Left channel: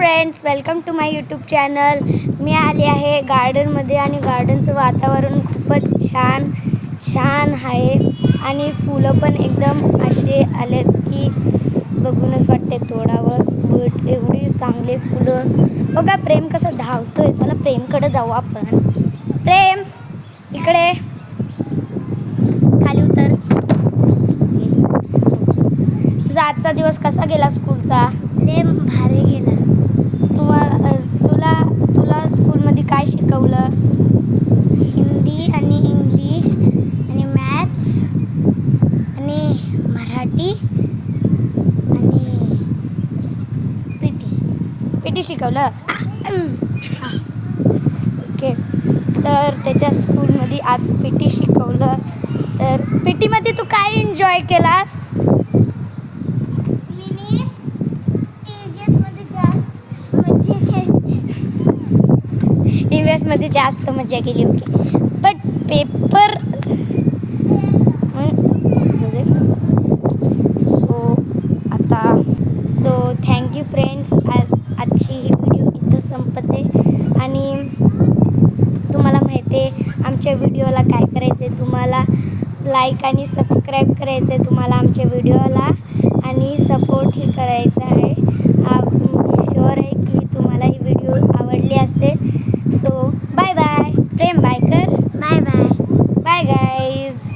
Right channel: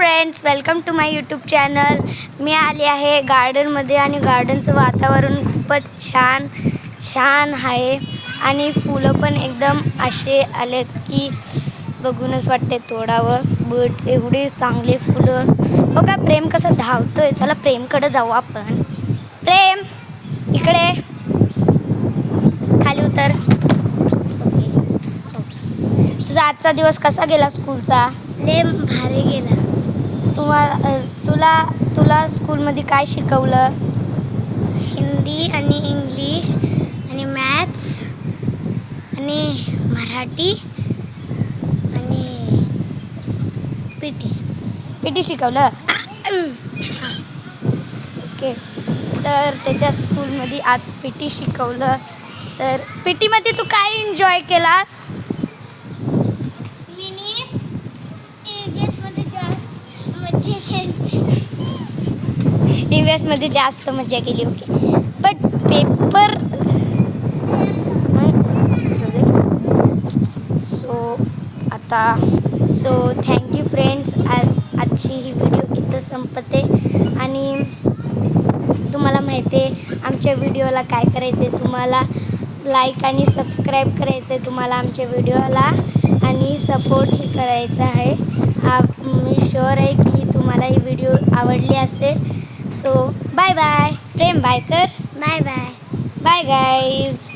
Friends, welcome to my YouTube channel. मी आले आहे गार्डनमध्ये आणि गार्डनचं वातावरण खूपच छान आहे आणि फुलं पण एकदम असे आलेत की बघूनच वाटते तोडावं. बट एवढी चांगली फुलं. हो का, प्रेम कसं धावतोय. चला प्रेमकडे जाऊ आपण. प्रेम इकडे खाली उतर. तुझा आजचा दिवस कसा गेला स्कूलचा? लय भारी गेला. तुला स्कूलमध्ये काय शिकवलं? हिंदी आणि इंग्लिश आणि मॅथ्स आणि मराठी आणि पीटी शिकवलं. ओके, तर त्याच्या स्कूलमध्ये आज पीटी शिकवलं. तर पीटीमध्ये तू काय एन्जॉय केलास? ईव्हीएसमध्ये जास्त मजा केली. Okay, but paper so thank you friends. आजची ही व्हिडिओ इथं संपते आणि तुम्हाला माहिती आहे आमच्या व्हिडिओला काय करायचं आहे. तुम्हाला लाईक आणि सबस्क्राईब करायचं आहे तुम्हाला आमच्या व्हिडिओला आणि सपोर्टही करायचा आहे. मी शुअर आहे की तुम्हाला ही व्हिडिओ आवडली असेल. So bye bye. Prem bye कर. Bye bye. Bye guys.